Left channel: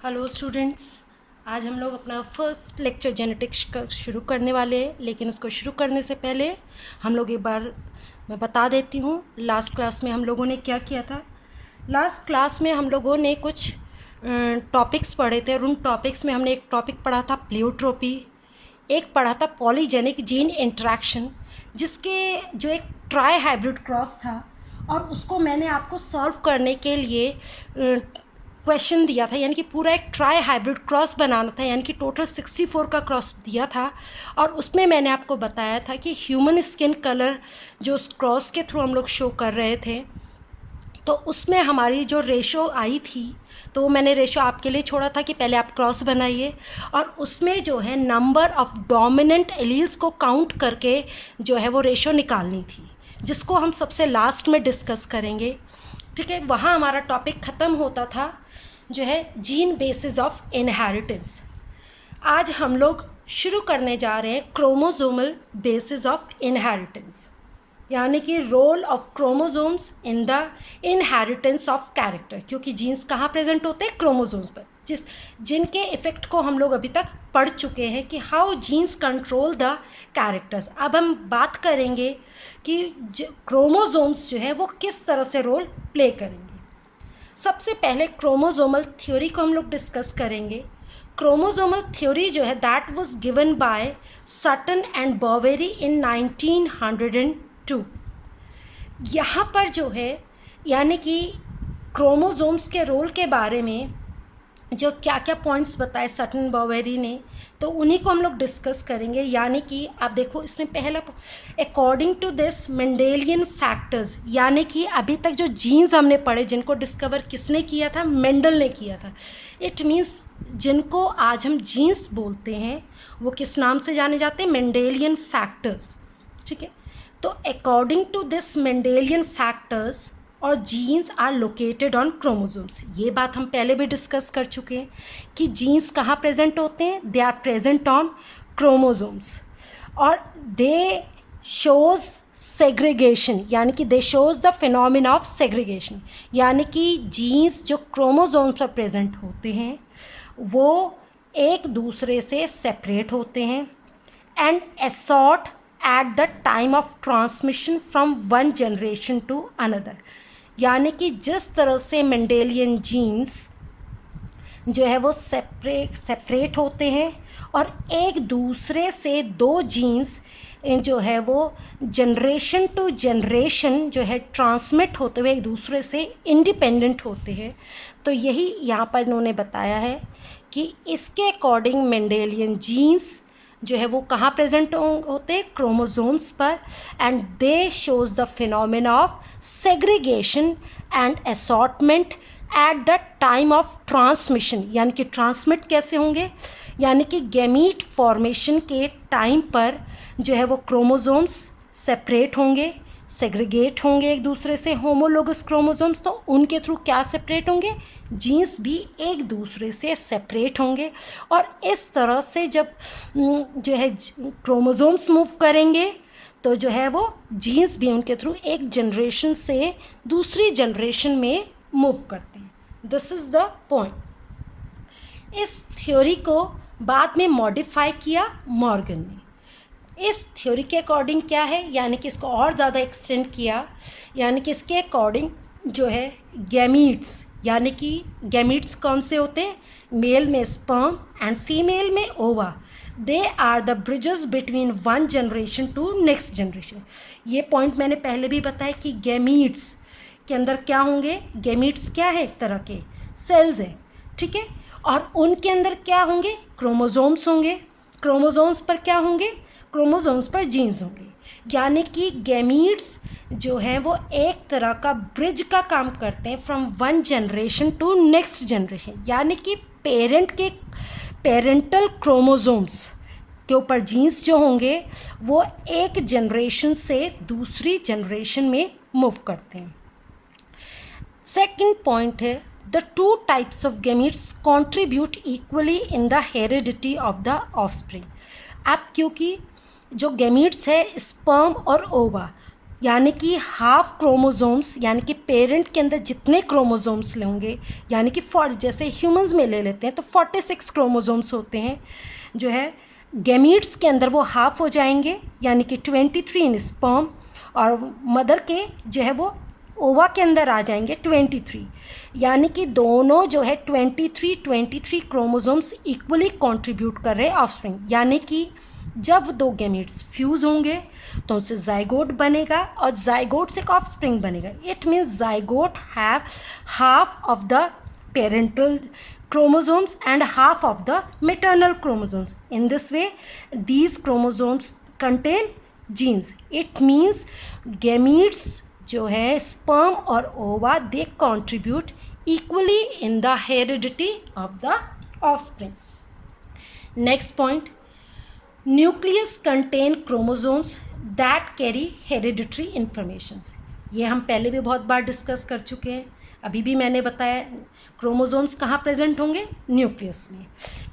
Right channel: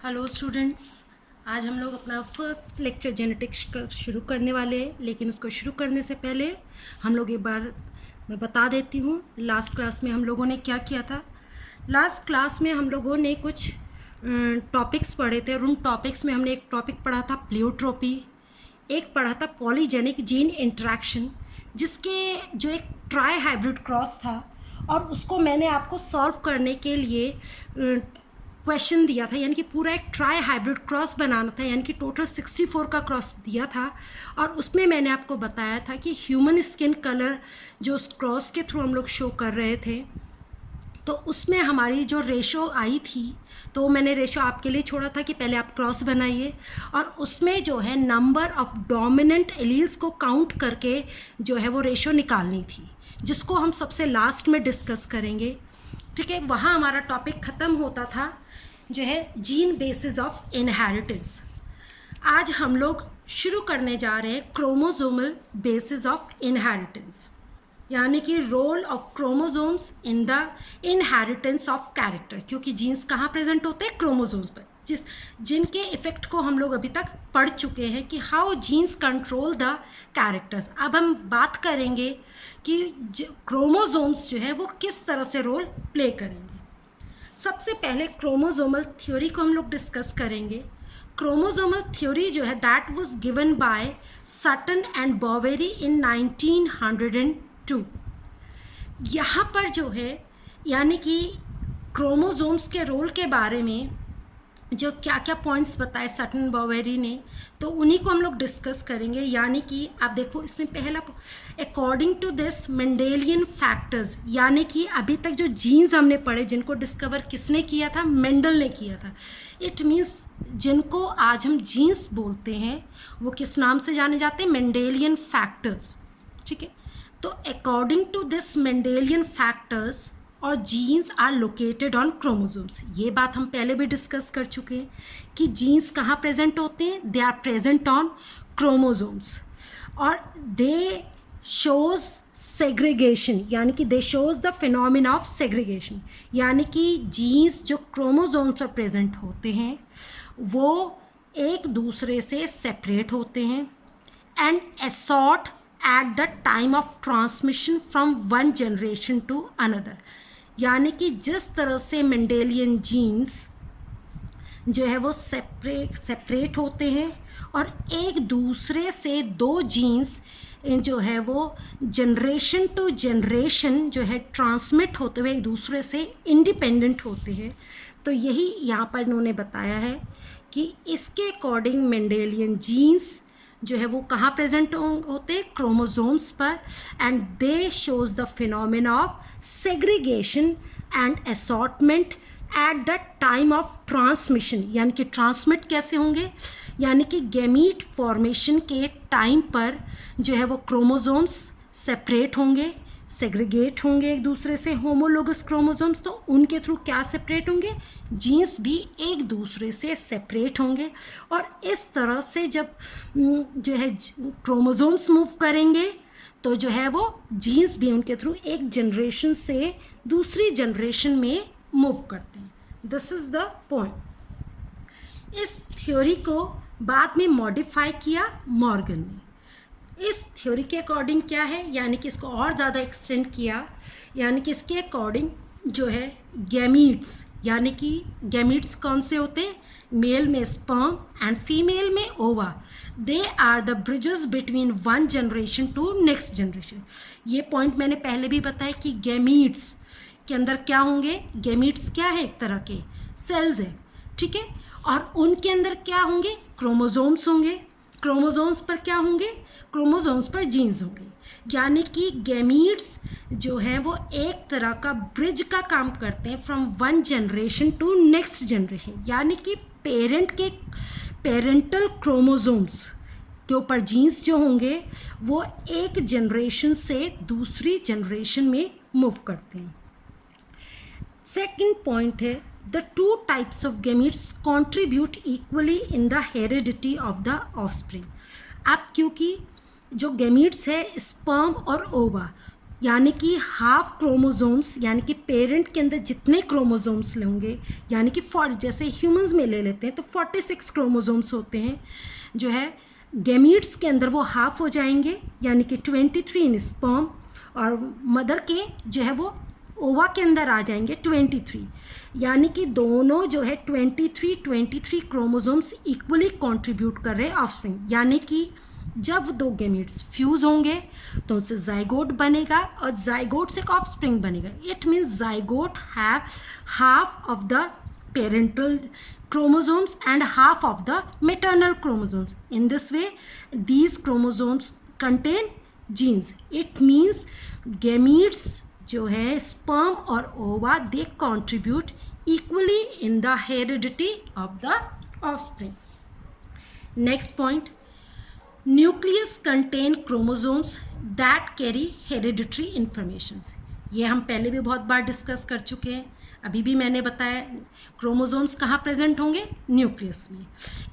Hello students, आज हम लोग अपना फर्स्ट लेक्चर जेनेटिक्स का शुरू करने वाले हैं। लेकिन उसको शुरू करने से पहले हम लोग एक बार मैं बता देती हूँ लास्ट क्लास में हम लोगों ने क्या किया था। लास्ट क्लास में हम लोगों ने कुछ टॉपिक्स पढ़े थे और उन टॉपिक्स में हमने एक टॉपिक पढ़ा था प्लेयोट्रोपी, एक पढ़ा था पॉलीजेनिक जीन इंटरेक्शन, जिसके जो एक ट्राई हाइब्रिड क्रॉस था और उसको मैंने आपको सॉल्व करने के लिए क्वेश्चन दिया था, यानी कि पूरा एक ट्राई हाइब्रिड क्रॉस बनाना था, यानी कि टोटल 64 का क्रॉस दिया था। और उसमें मैंने आपको बताया था कि ह्यूमन स्किन कलर जो उस क्रॉस के थ्रू हम लोग शो कर रहे थे, तो उसमें हमारी जो रेशो आई थी, तो मैंने रेशो आपके लिए छोड़ा था कि पहले आप क्रॉस बनाइए और उसमें जो है नंबर ऑफ़ डोमिनेंट एलील्स को काउंट करके जो है वो रेशो निकालनी थी, जिसको हम सबसे लास्ट में डिस्कस करेंगे। ठीक है, वहाँ हमारा टॉपिक ख़त्म होता था जो है जीन बेसिस ऑफ इनहेरिटेंस। आज हम लोग शुरू करने जा रहे हैं क्रोमोसोमल बेसिस ऑफ इनहेरिटेंस, यानी कि role of chromosomes in the inheritance of character, क्योंकि जीन्स कहाँ प्रेजेंट होते हैं? क्रोमोसोम्स पर, जिनके इफ़ेक्ट को हम लोग अभी तक पढ़ चुके हैं कि how jeans control the characters. अब हम बात करेंगे कि क्रोमोसोम्स जो है वो किस तरह से रोल प्ले करेंगे। सबसे पहले क्रोमोसोमल थ्योरी को हम लोग डिस्कस करेंगे। क्रोमोसोमल थ्योरी जो है that was given by Sutton and Boveri in 1902। यहाँ पर जो है यानी कि क्रोमोसोम्स के रोल के बारे में जो क्या क्या पॉइंट्स बताए सटन बॉवेरी ने, तो उन्हीं को हम लोग डिस्कस करेंगे। यानी कि आप देखो इसमें पहला according to this Mendelian factors, यानी कि अभी तक जो जीन्स हमने पढ़े जिनको डिस्कवर किसने किया था? मेंडल ने किया था। इट मीन्स जिनको आज हम जीन्स बोलते हैं वो किस नाम से जाने जाते हैं? Mendelian factors. ठीक है, तो according to this Mendelian factors और genes are located on chromosomes. ये बात हम पहले भी डिस्कस कर चुके हैं कि जीन्स कहाँ प्रेजेंट होते हैं? They are present on chromosomes और दे शोज सेग्रीगेशन, यानी कि they shows the phenomena of segregation, यानी कि जीन्स जो क्रोमोसोम्स पर प्रेजेंट होते हैं वो एक दूसरे से सेपरेट होते हैं and assort at the time of transmission from one generation to another. यानी कि जिस तरह से मेंडेलियन जीन्स जो है वो सेपरेट होते हैं और एक दूसरे से दो जीन्स जो है वो जनरेशन टू जनरेशन जो है ट्रांसमिट होते हुए एक दूसरे से इंडिपेंडेंट होते हैं, तो यही यहाँ पर इन्होंने बताया है कि इसके अकॉर्डिंग मेंडेलियन जीन्स जो है वो कहाँ प्रेजेंट होते हैं? क्रोमोसोम्स पर, and they shows the phenomena of segregation and assortment eight the time of transmission. यानी कि ट्रांसमिट कैसे होंगे? यानी कि गैमीट फॉर्मेशन के टाइम पर जो है वो क्रोमोसोम्स सेपरेट होंगे, सेग्रीगेट होंगे एक दूसरे से, होमोलोगस क्रोमोसोम्स, तो उनके थ्रू क्या सेपरेट होंगे? जीन्स भी एक दूसरे से सेपरेट होंगे। और इस तरह से जब जो है क्रोमोसोम्स मूव करेंगे तो जो है वो जीन्स भी उनके थ्रू एक जनरेशन से दूसरी जनरेशन में मूव करते हैं। This is the point. इस थ्योरी को बाद में मॉडिफाई किया मॉर्गन ने। इस थ्योरी के अकॉर्डिंग क्या है, यानी कि इसको और ज़्यादा एक्सटेंड किया, यानी कि इसके अकॉर्डिंग जो है गैमीट्स, यानी कि गैमीट्स कौन से होते हैं? मेल में स्पर्म एंड फीमेल में ova, they are the bridges between one generation to next generation. ये पॉइंट मैंने पहले भी बताया कि गैमीट्स के अंदर क्या होंगे? गैमीट्स क्या है? एक तरह के सेल्स हैं, ठीक है, और उनके अंदर क्या होंगे? क्रोमोसोम्स होंगे। क्रोमोसोम्स पर क्या होंगे? क्रोमोसोम्स पर जीन्स होंगे। यानी कि गैमीट्स जो है वो एक तरह का ब्रिज का काम करते हैं from one generation to next generation. यानी कि पेरेंट के पेरेंटल क्रोमोसोम्स के ऊपर जीन्स जो होंगे वो एक जनरेशन से दूसरी जनरेशन में मूव करते हैं। सेकंड पॉइंट है the two types of gametes contribute equally in the heredity of the offspring. अब क्योंकि जो गैमीट्स है स्पर्म और ओवा यानी कि हाफ क्रोमोसोम्स, यानी कि पेरेंट के अंदर जितने क्रोमोसोम्स होंगे, यानी कि जैसे ह्यूमंस में ले लेते हैं तो 46 क्रोमोसोम्स होते हैं, जो है गैमीट्स के अंदर वो हाफ हो जाएंगे, यानी कि 23 इन स्पर्म, और मदर के जो है वो ओवा के अंदर आ जाएंगे 23, यानी कि दोनों जो है 23 क्रोमोसोम्स इक्वली कंट्रीब्यूट कर रहे हैं ऑफस्प्रिंग। यानी कि जब दो गैमीट्स फ्यूज़ होंगे तो उससे जाइगोट बनेगा और जाइगोट से एक ऑफस्प्रिंग बनेगा। It means zygote have half of the parental chromosomes and half of the maternal chromosomes. In this way, these chromosomes contain genes. It means gametes जो है sperm और ova, they contribute equally in the heredity of the offspring. Next point, nucleus contain chromosomes that carry hereditary informations. ये हम पहले भी बहुत बार discuss कर चुके हैं, अभी भी मैंने बताया क्रोमोसोम्स कहाँ प्रेजेंट होंगे, न्यूक्लियस में।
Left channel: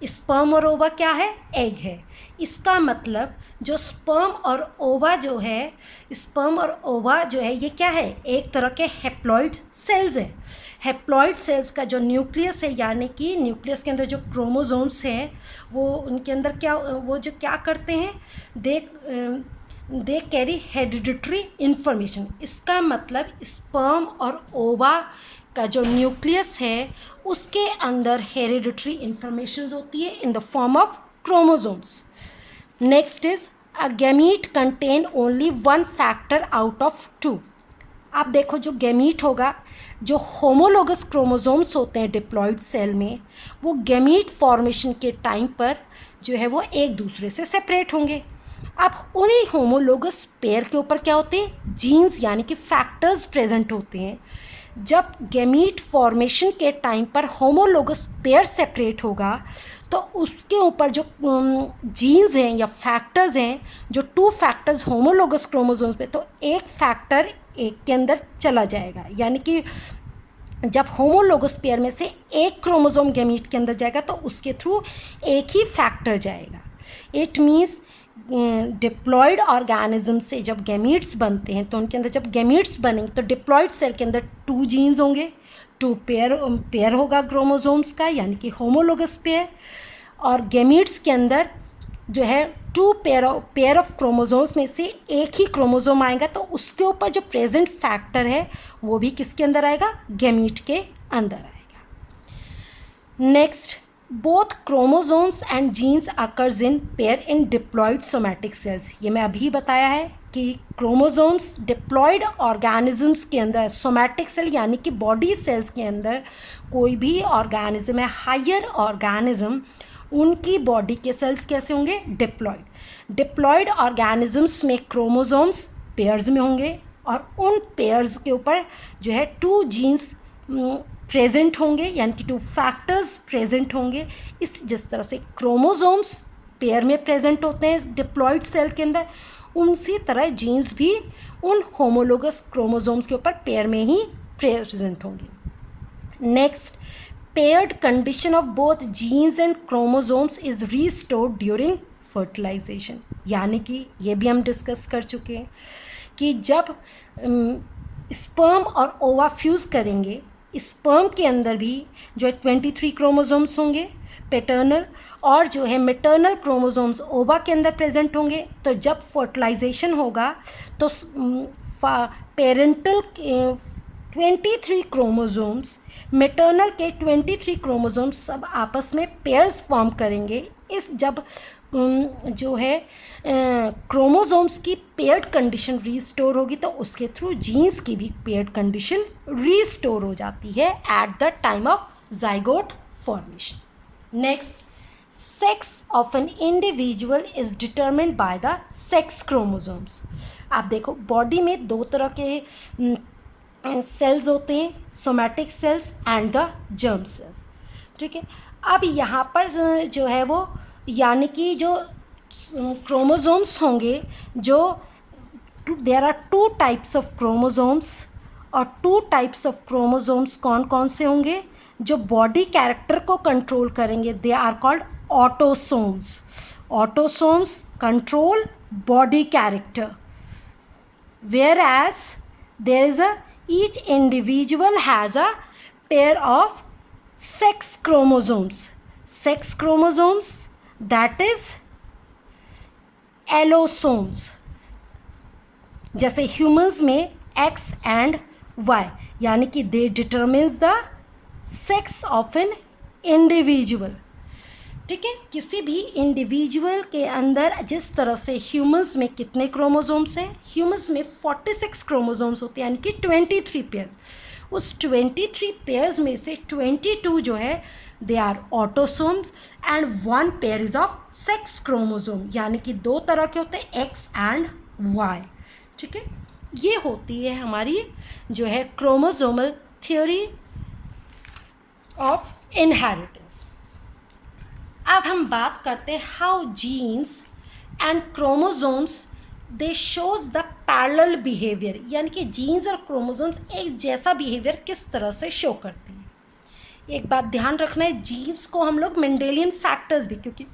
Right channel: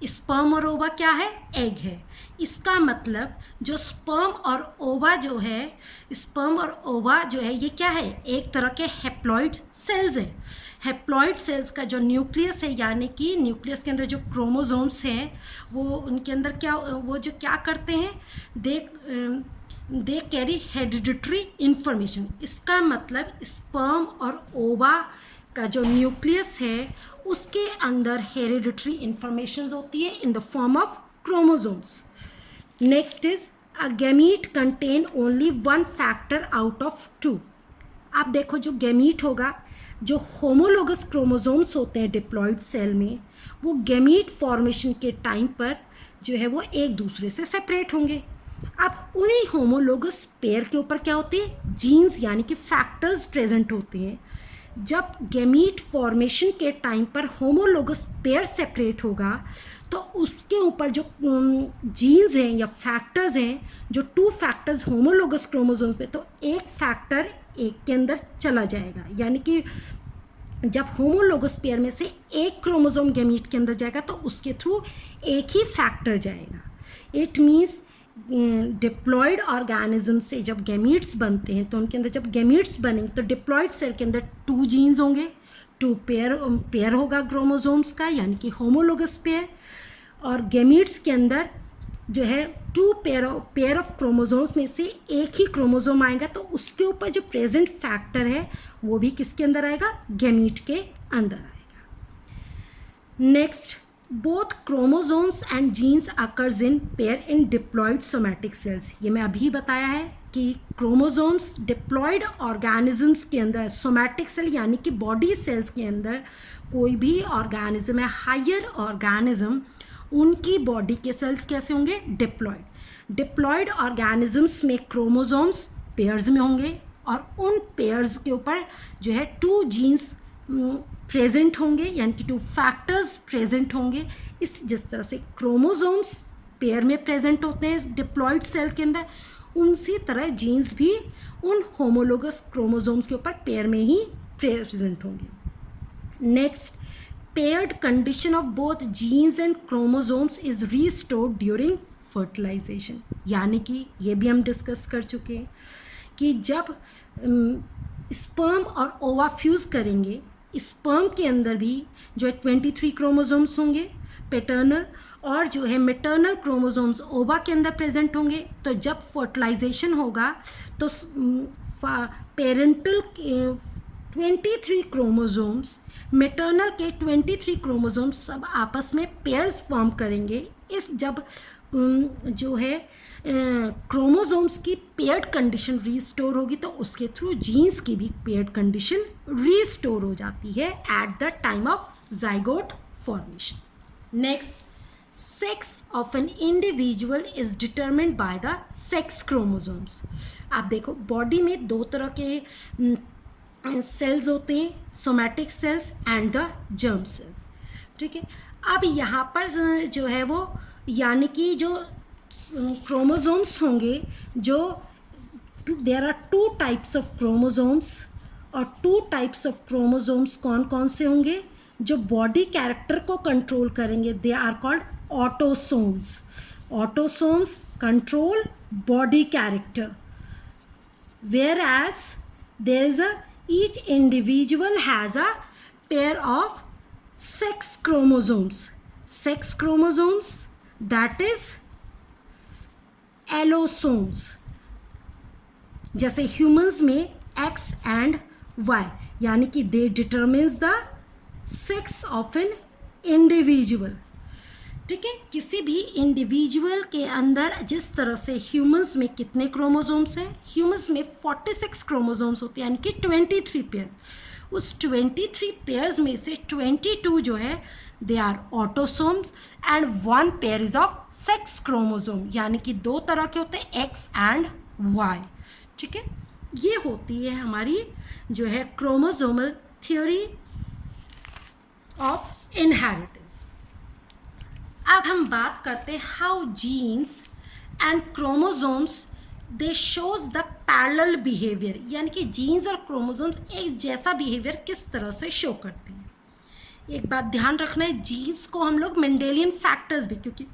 स्पर्म और ओवा क्या है, एग है। इसका मतलब जो स्पर्म और ओवा जो है, स्पर्म और ओवा जो है ये क्या है, एक तरह के हैप्लॉइड सेल्स हैं। हैप्लॉइड सेल्स का जो न्यूक्लियस है, यानी कि न्यूक्लियस के अंदर जो क्रोमोसोम्स हैं वो उनके अंदर क्या, वो जो क्या करते हैं, दे कैरी हेरिडिटरी इंफॉर्मेशन। इसका मतलब स्पर्म और ओवा का जो न्यूक्लियस है उसके अंदर हेरिडिटरी इंफॉर्मेशन होती है in the form of chromosomes. Next is a gamete contain only one factor out of 2। आप देखो जो गैमीट होगा, जो होमोलोगस क्रोमोसोम्स होते हैं डिप्लॉइड सेल में, वो गैमीट फॉर्मेशन के टाइम पर जो है वो एक दूसरे से सेपरेट होंगे। अब उन्हीं होमोलोगस पेयर के ऊपर क्या होते हैं, जीन्स यानी कि फैक्टर्स प्रेजेंट होते हैं। जब गैमीट फॉर्मेशन के टाइम पर होमोलोगस पेयर सेपरेट होगा तो उसके ऊपर जो जीन्स हैं या फैक्टर्स हैं, जो 2 फैक्टर्स होमोलोगस क्रोमोसोम्स पे, तो एक फैक्टर एक के अंदर चला जाएगा। यानी कि जब होमोलोगस पेयर में से एक क्रोमोसोम गैमीट के अंदर जाएगा तो उसके थ्रू एक ही फैक्टर जाएगा। इट मीन्स डिप्लॉयड ऑर्गेनिज्म से जब गैमीट्स बनते हैं तो उनके अंदर जब गैमीट्स बनेंगे तो डिप्लॉयड सेल के अंदर 2 जीन्स होंगे, 2 पेयर होगा क्रोमोसोम्स का, यानी कि होमोलोगस पेयर। और गैमीट्स के अंदर जो है 2 पेयर ऑफ क्रोमोसोम्स में से एक ही क्रोमोसोम आएगा तो उसके ऊपर जो प्रेजेंट फैक्टर है वो भी किसके अंदर आएगा, गैमीट के अंदर आएगा। Next, both chromosomes and genes occurs in pair in diploid somatic cells. ये मैं अभी बताया है कि क्रोमोसोम्स डिप्लॉयड ऑर्गेनिजम्स के अंदर, सोमैटिक सेल यानी कि बॉडी सेल्स के अंदर कोई भी ऑर्गेनिज्म है, हायर ऑर्गेनिज्म, उनकी बॉडी के सेल्स कैसे होंगे, डिप्लॉयड। डिप्लॉयड ऑर्गेनिजम्स में क्रोमोसोम्स पेयर्स में होंगे और उन पेयर्स के ऊपर जो है 2 जीन्स प्रेजेंट होंगे, यानी कि 2 फैक्टर्स प्रेजेंट होंगे। जिस तरह से क्रोमोसोम्स पेयर में प्रेजेंट होते हैं डिप्लॉयड सेल के अंदर, उसी तरह जीन्स भी उन होमोलोगस क्रोमोसोम्स के ऊपर पेयर में ही प्रेजेंट होंगे। Next, paired condition of both genes and chromosomes is restored during fertilization. यानी कि ये भी हम डिस्कस कर चुके हैं कि जब स्पर्म और ओवा फ्यूज़ करेंगे, स्पर्म के अंदर भी जो है 23 क्रोमोसोम्स होंगे पैटर्नल, और जो है मैटर्नल क्रोमोसोम्स ओवा के अंदर प्रेजेंट होंगे। तो जब फर्टिलाइजेशन होगा तो पेरेंटल 23 क्रोमोसोम्स, मैटर्नल के 23 क्रोमोसोम्स सब आपस में पेयर्स फॉर्म करेंगे। इस जब जो है क्रोमोसोम्स की पेयर्ड कंडीशन रीस्टोर होगी तो उसके थ्रू जीन्स की भी पेयर्ड कंडीशन रीस्टोर हो जाती है eight the time of zygote formation. Next, sex of an individual is determined by the sex chromosomes. आप देखो बॉडी में 2 तरह के सेल्स होते हैं, somatic cells and the germ cells, ठीक है। अब यहाँ पर जो है वो यानी कि जो क्रोमोसोम्स होंगे, जो there are 2 types of chromosomes, और 2 टाइप्स ऑफ क्रोमोसोम्स कौन कौन से होंगे, जो बॉडी कैरेक्टर को कंट्रोल करेंगे, they are called autosomes. Autosomes control body character, whereas there is each individual has a pair of sex chromosomes. Sex chromosomes, that is allosomes. जैसे humans में X and Y, यानी कि they determines the sex of an individual. ठीक है, किसी भी individual के अंदर जिस तरह से ह्यूमंस में कितने क्रोमोसोम्स हैं, ह्यूमंस में 46 क्रोमोसोम्स होते हैं, यानी कि 23 पेयर्स. उस 23 पेयर्स में से 22 जो है they are autosomes and 1 pair is of sex chromosome, यानी कि 2 तरह के होते हैं X एंड Y. ठीक है, ये होती है हमारी जो है क्रोमोसोमल थ्योरी ऑफ इनहेरिटेंस. अब हम बात करते हैं how jeans and chromosomes they shows the parallel behaviour, यानी कि जीन्स और क्रोमोसोम्स एक जैसा बिहेवियर किस तरह से शो करती हैं. एक बात ध्यान रखना है, जीन्स को हम लोग मेंडेलियन फैक्टर्स भी, क्योंकि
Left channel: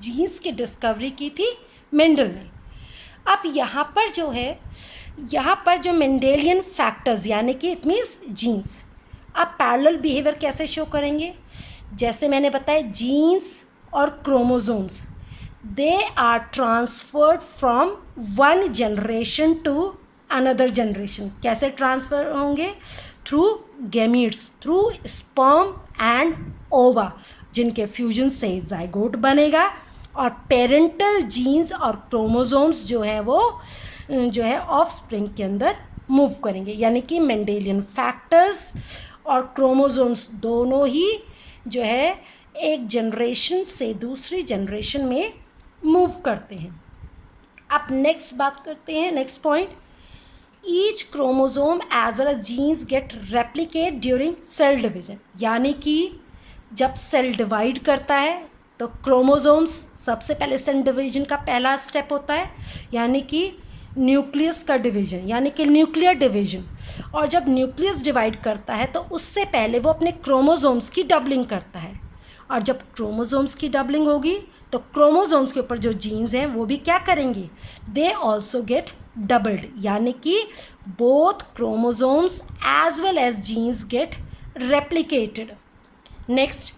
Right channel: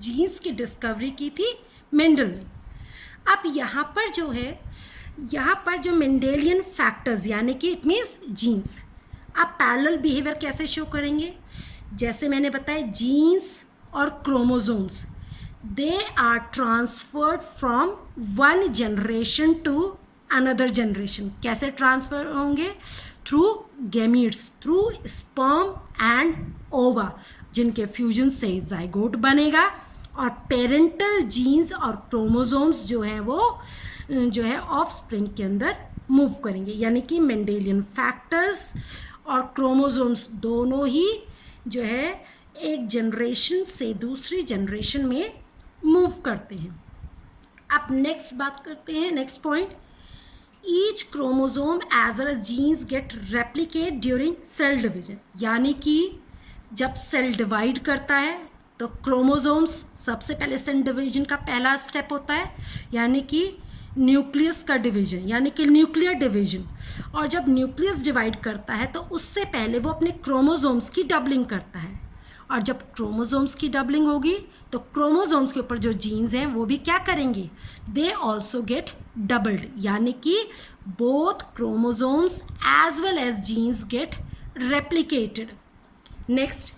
जीन्स की डिस्कवरी की थी मेंडल ने. अब यहाँ पर जो है, यहाँ पर जो मेंडेलियन फैक्टर्स यानी कि इट मीन्स जीन्स, अब पैरेलल बिहेवियर कैसे शो करेंगे. जैसे मैंने बताया, जीन्स और chromosomes they are transferred from one generation to another generation. कैसे ट्रांसफ़र होंगे? Through gametes, through sperm and ova, जिनके फ्यूजन से जाइगोट बनेगा और पेरेंटल जीन्स और क्रोमोसोम्स जो है वो जो है ऑफस्प्रिंग के अंदर मूव करेंगे. यानी कि मेंडेलियन फैक्टर्स और क्रोमोसोम्स दोनों ही जो है एक जनरेशन से दूसरी जनरेशन में मूव करते हैं. अब नेक्स्ट बात करते हैं, next point, each chromosome as well as genes get replicate during cell division. यानी कि जब सेल डिवाइड करता है तो क्रोमोसोम्स सबसे पहले सेल डिवीजन का पहला स्टेप होता है, यानी कि न्यूक्लियस का डिवीजन, यानी कि न्यूक्लियर डिवीजन. और जब न्यूक्लियस डिवाइड करता है तो उससे पहले वो अपने क्रोमोसोम्स की डबलिंग करता है. और जब क्रोमोसोम्स की डबलिंग होगी तो क्रोमोसोम्स के ऊपर जो जीन्स हैं वो भी क्या करेंगे, दे ऑल्सो गेट डबल्ड, यानी कि both chromosomes as well as genes get replicated. Next,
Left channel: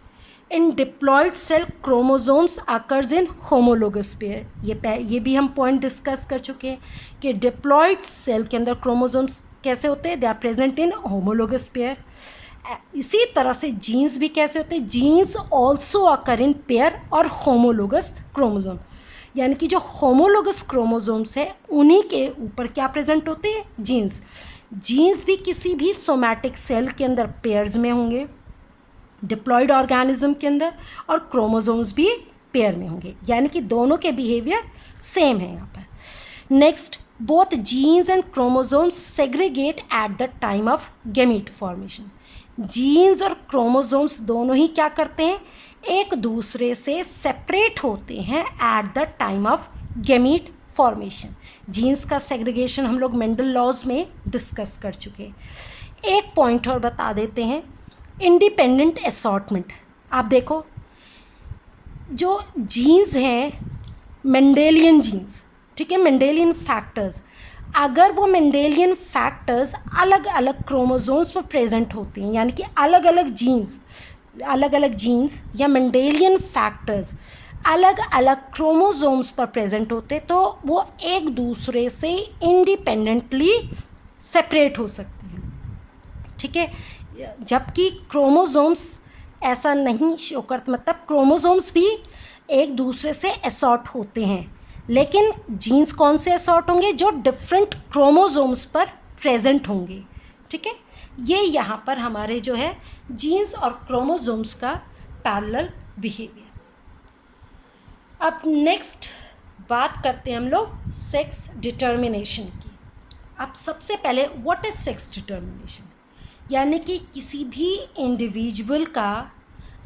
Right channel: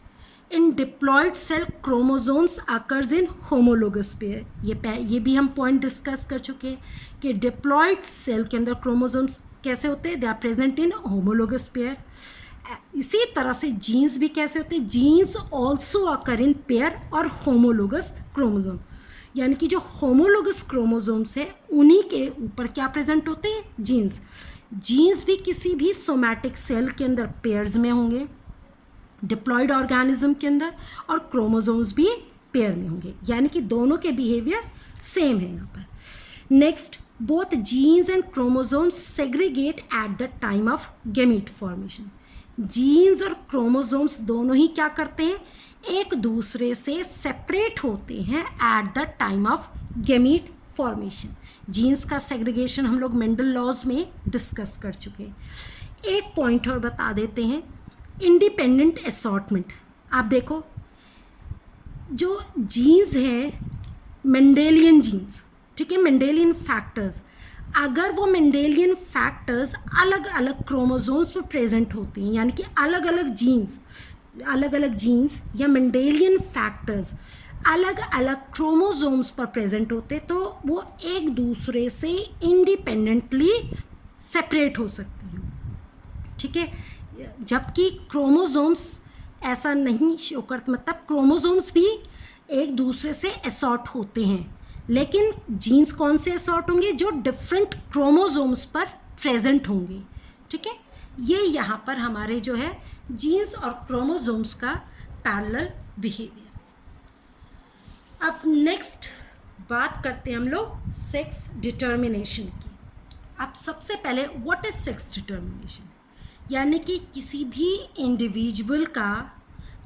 in diploid cell chromosomes occurs in homologous pair. ये भी हम पॉइंट डिस्कस कर चुके हैं कि डिप्लॉयड सेल के अंदर क्रोमोसोम्स कैसे होते हैं, they are present in homologous pair. इसी तरह से जीन्स भी कैसे होते हैं, genes also occur in pair और होमोलोगस क्रोमोसोम. यानी कि जो होमोलोगस क्रोमोसोम्स है उन्हीं के ऊपर क्या प्रेजेंट होते हैं, जीन्स. जीन्स भी किसी भी सोमैटिक सेल के अंदर पेयर्स में होंगे, डिप्लॉयड ऑर्गेनिज्म के अंदर, और क्रोमोसोम्स भी पेयर में होंगे, यानी कि दोनों के बिहेवियर सेम है यहाँ पर. Next, both genes and chromosomes segregate at the time of gamete formation. Genes और क्रोमोसोम्स दोनों ही क्या करते हैं, एक दूसरे से सेपरेट होते हैं at the time of gamete formation. Genes का सेग्रीगेशन हम लोग मेंडल लॉज में डिस्कस कर चुके हैं. एक पॉइंट और बता देते हैं, इंडिपेंडेंट असॉर्टमेंट. आप देखो, जो जीन्स हैं मेंडेलियन जीन्स, ठीक है, मेंडेलियन फैक्टर्स, अगर वो मेंडेलियन फैक्टर्स अलग अलग क्रोमोसोम्स पर प्रेजेंट होते हैं, यानी कि अलग अलग जीन्स या मेंडेलियन फैक्टर्स अलग अलग क्रोमोसोम्स पर प्रेजेंट होते, तो वो एक दूसरे से इंडिपेंडेंटली सेपरेट हो सकते हैं. ठीक है, जबकि क्रोमोसोम्स ऐसा नहीं शो करते, मतलब क्रोमोसोम्स भी एक दूसरे से असॉर्ट होते हैं, लेकिन जीन्स कौन से असॉर्ट होंगे, जो डिफरेंट क्रोमोसोम्स पर प्रेजेंट होंगे. ठीक है, ये यहाँ पर हमारे जो है जीन्स और क्रोमोसोम्स का पैरेलल बिहेवियर. अब नेक्स्ट बात करते हैं हम लोग सेक्स डिटर्मिनेशन की. अब सबसे पहले व्हाट इज सेक्स डिटर्मिनेशन, यानी कि किसी भी इंडिविजुअल का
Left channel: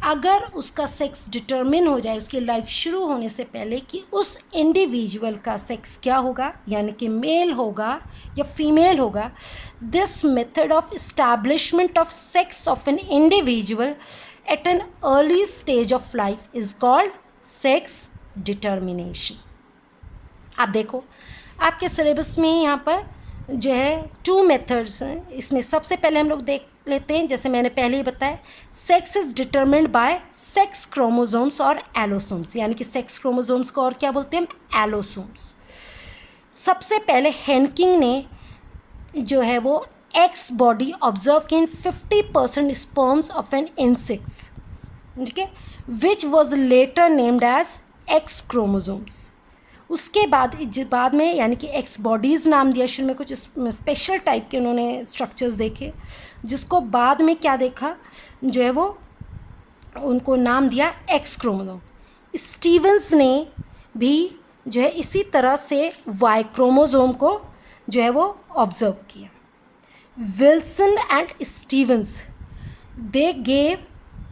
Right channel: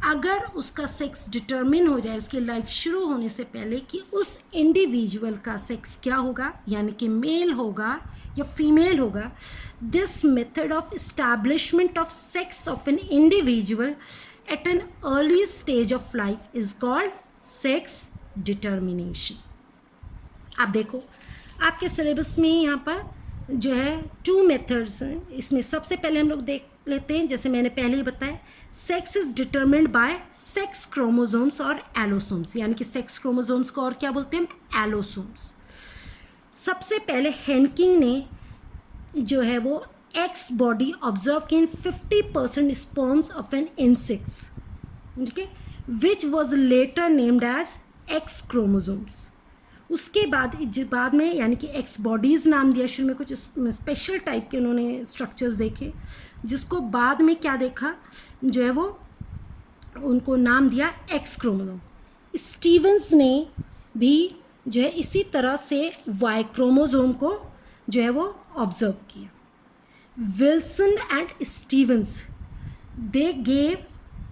अगर उसका सेक्स डिटर्मिन हो जाए उसकी लाइफ शुरू होने से पहले कि उस इंडिविजुअल का सेक्स क्या होगा, यानी कि मेल होगा या फीमेल होगा, this method of establishment of sex of an individual eight an early stage of life is called sex determination. आप देखो, आपके सिलेबस में यहाँ पर जो है 2 मेथड्स हैं। इसमें सबसे पहले हम लोग देख लेते हैं, जैसे मैंने पहले ही बताया, sex is determined bye sex chromosomes और एलोसोम्स, यानी कि सेक्स क्रोमोसोम्स को और क्या बोलते हैं, एलोसोम्स। सबसे पहले हेनकिंग ने जो है वो एक्स बॉडी ऑब्जर्व की in 50% sperms of an insects, ठीक है, which was later named as X chromosomes. उसके बाद में यानी कि एक्स बॉडीज़ नाम दिया, शुरू में कुछ स्पेशल टाइप के उन्होंने स्ट्रक्चर्स देखे, जिसको बाद में क्या देखा, जो है वो उनको नाम दिया एक्स क्रोमोसोम। स्टीवंस ने भी जो है इसी तरह से वाई क्रोमोसोम को जो है वो ऑब्जर्व किया। Wilson and Stevens they gave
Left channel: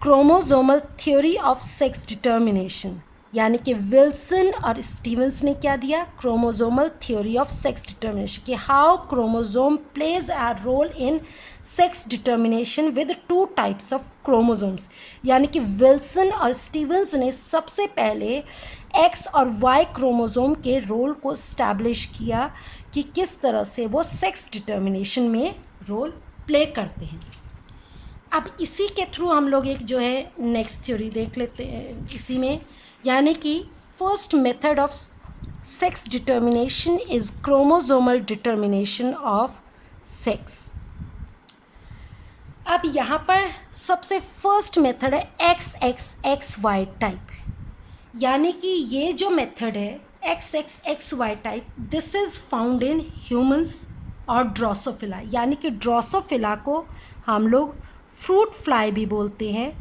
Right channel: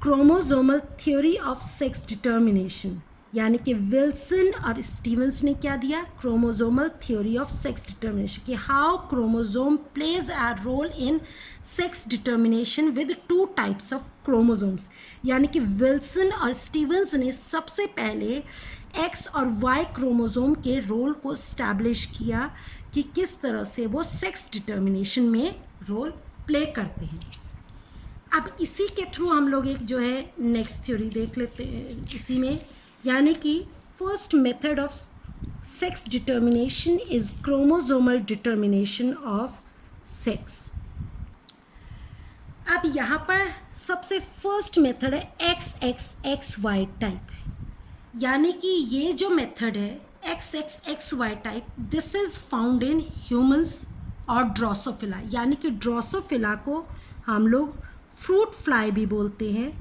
chromosomal theory of sex determination, यानी कि विल्सन और स्टीवंस ने क्या दिया, chromosomal theory of sex determination, कि how chromosome plays a role in sex determination with 2 types of chromosomes. यानी कि विल्सन और स्टीवंस ने सबसे पहले एक्स और वाई क्रोमोसोम के रोल को इस्टेब्लिश किया कि किस तरह से वो सेक्स डिटर्मिनेशन में रोल प्ले करते हैं। अब इसी के थ्रू हम लोग एक जो है नेक्स्ट थ्योरी देख लेते हैं इसी में, यानी कि first method of sex determination is chromosomal determination of sex. अब यहाँ पर सबसे फर्स्ट मेथड है X X X Y type, यानी कि ये जो मेथड है X X X Y type, this is found in humans और ड्रोसोफिला, यानी कि ड्रोसोफिला को हम लोग फ्रूट फ्लाई भी बोलते हैं।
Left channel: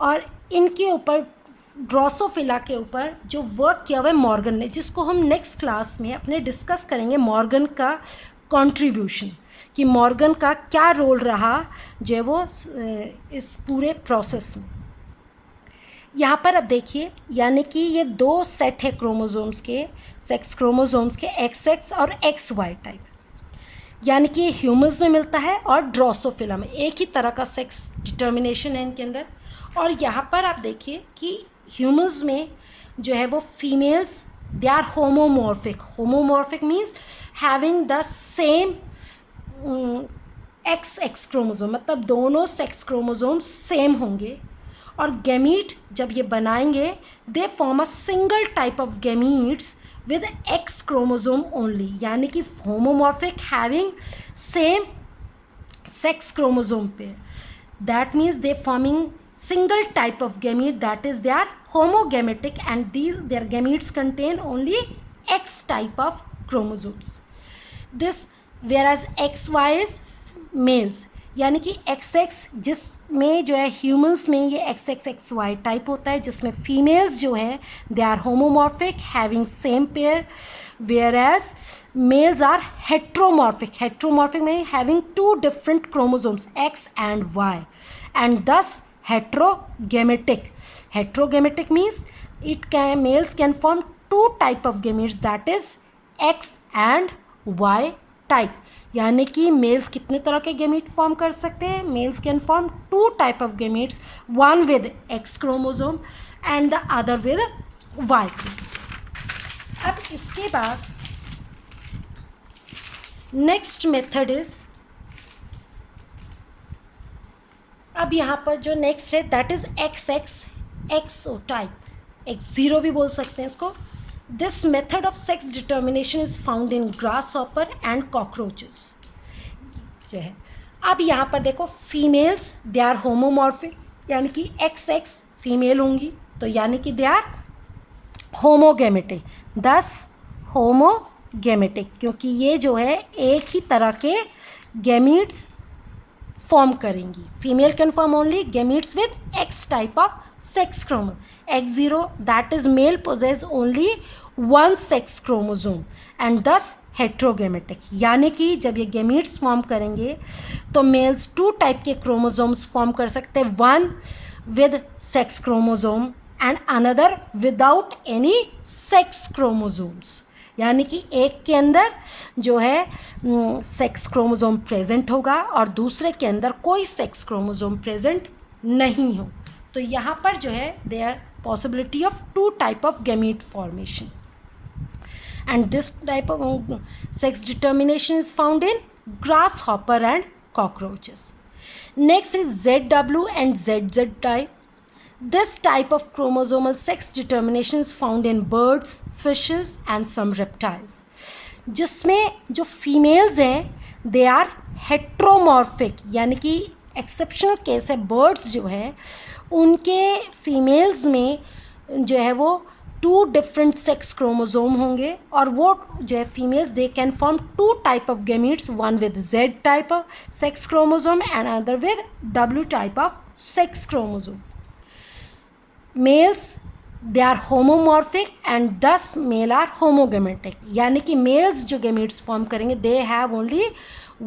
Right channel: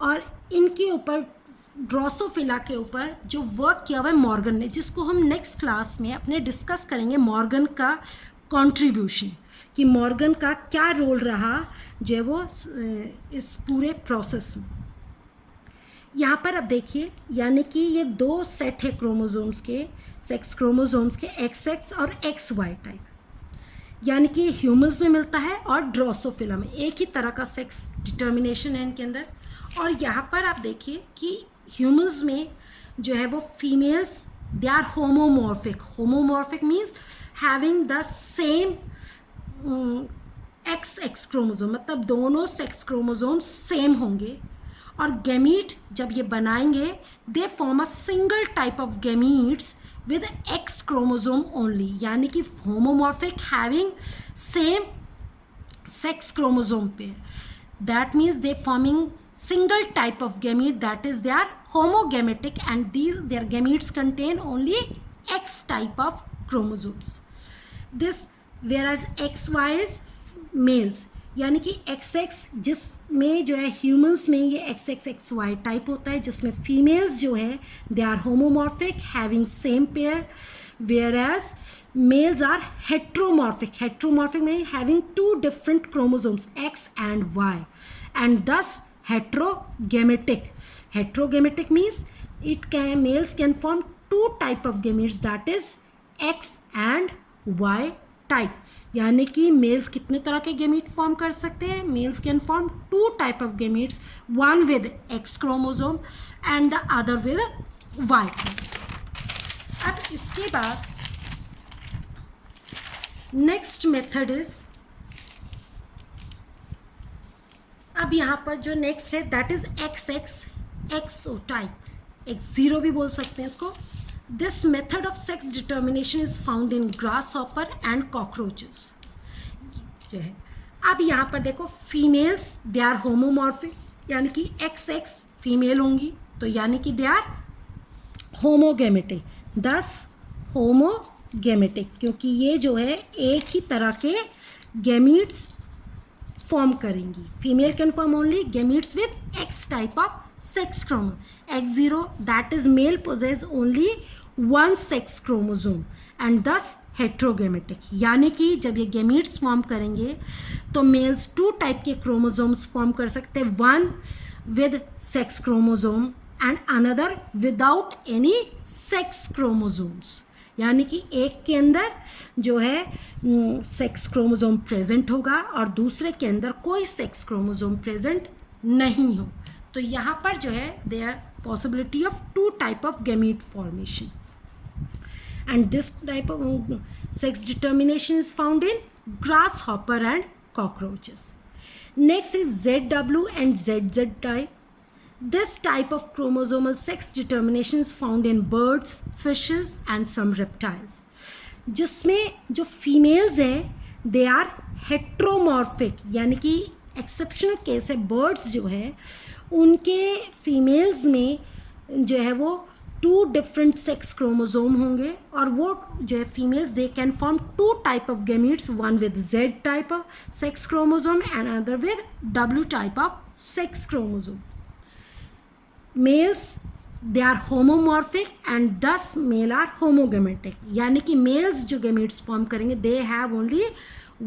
और इनके ऊपर ड्रोसोफिला के ऊपर जो वर्क किया हुआ है मॉर्गन ने, जिसको हम नेक्स्ट क्लास में अपने डिस्कस करेंगे, मॉर्गन का कंट्रीब्यूशन, कि मॉर्गन का क्या रोल रहा जो है वो इस पूरे प्रोसेस में। यहाँ पर अब देखिए, यानी कि ये 2 सेट है क्रोमोसोम्स के, सेक्स क्रोमोसोम्स के, एक्स एक्स और एक्स वाई टाइप, यानी कि ये ह्यूमंस में मिलता है और ड्रोसोफिला में, एक ही तरह का सेक्स डिटर्मिनेशन है इनके अंदर। और यहाँ पर आप देखिए कि ह्यूमंस में जो है वो females they are homomorphic, homomorphic means having the same X X chromosome, मतलब दोनों सेक्स क्रोमोसोम सेम होंगे। और गैमीट जब ये बनाएंगे, they form a single type of gametes with X chromosome only, यानी कि homomorphic having same sex chromosome pair, that means they forming single type of gamete, that is they are homogametic, and their gametes contain only X type of chromosomes. This whereas XY is males, यानी कि XX जिसमें जो है humans में ये XXXY type होता है, जिसमें फीमेल्स जो हैं they are homomorphic having same pair, whereas males are heteromorphic, heteromorphic में having 2 different chromosomes X and Y, and thus heterogametic. Heterogametic means males can form 2 type of gametes, that is X and Y type, यानी कि mails कितने तरह के gamete form कर सकते हैं, males can form 2 type of gametes, one with X chromosome and the other with Y chromosome. अब इसके बाद नेक्स्ट मेथड इज, अब यहाँ पर जो नेक्स्ट है that is x X x type, X0 भी बोल सकते हैं इसको। This method of sex determination is found in grasshopper and cockroaches जो है। अब यहाँ पर देखो फीमेल्स दे आर होमोमॉर्फिक, यानी कि XX फीमेल होंगी, तो यानी कि they are homogametic, thus homogametic, क्योंकि ये जो है एक ही तरह के गैमीट्स फॉर्म करेंगी। Female can form only gametes with X type of sex chromosome. X0 that is male possess only 1 sex chromosome and thus heterogametic, यानी कि जब ये गैमीट्स फॉर्म करेंगे तो मेल्स 2 टाइप के क्रोमोसोम्स फॉर्म कर सकते हैं, 1 with sex chromosome and another without any sex chromosomes, यानी कि एक के अंदर जो है सेक्स क्रोमोसोम प्रेजेंट होगा और दूसरे के अंदर कोई सेक्स क्रोमोसोम प्रेजेंट नहीं हो। तो यहाँ पर जो है there possibility of 2 type of gamete formation, and this type of sex determination is found in grasshopper and cockroaches. Next is ZW and ZZ type. This type of chromosomal sex determination is found in birds, fishes and some reptiles. जिसमें जो females हैं they are heteromorphic, यानी कि exceptional case है, birds जो हैं उनके females में जो है वो 2 डिफरेंट सेक्स क्रोमोसोम होंगे, और वो जो है females they can form 2 type of gametes, one with Z type of sex chromosome and other with W type of sex chromosome. Males they are homomorphic and thus male are homogametic, यानी कि males जो gametes form करेंगे they have only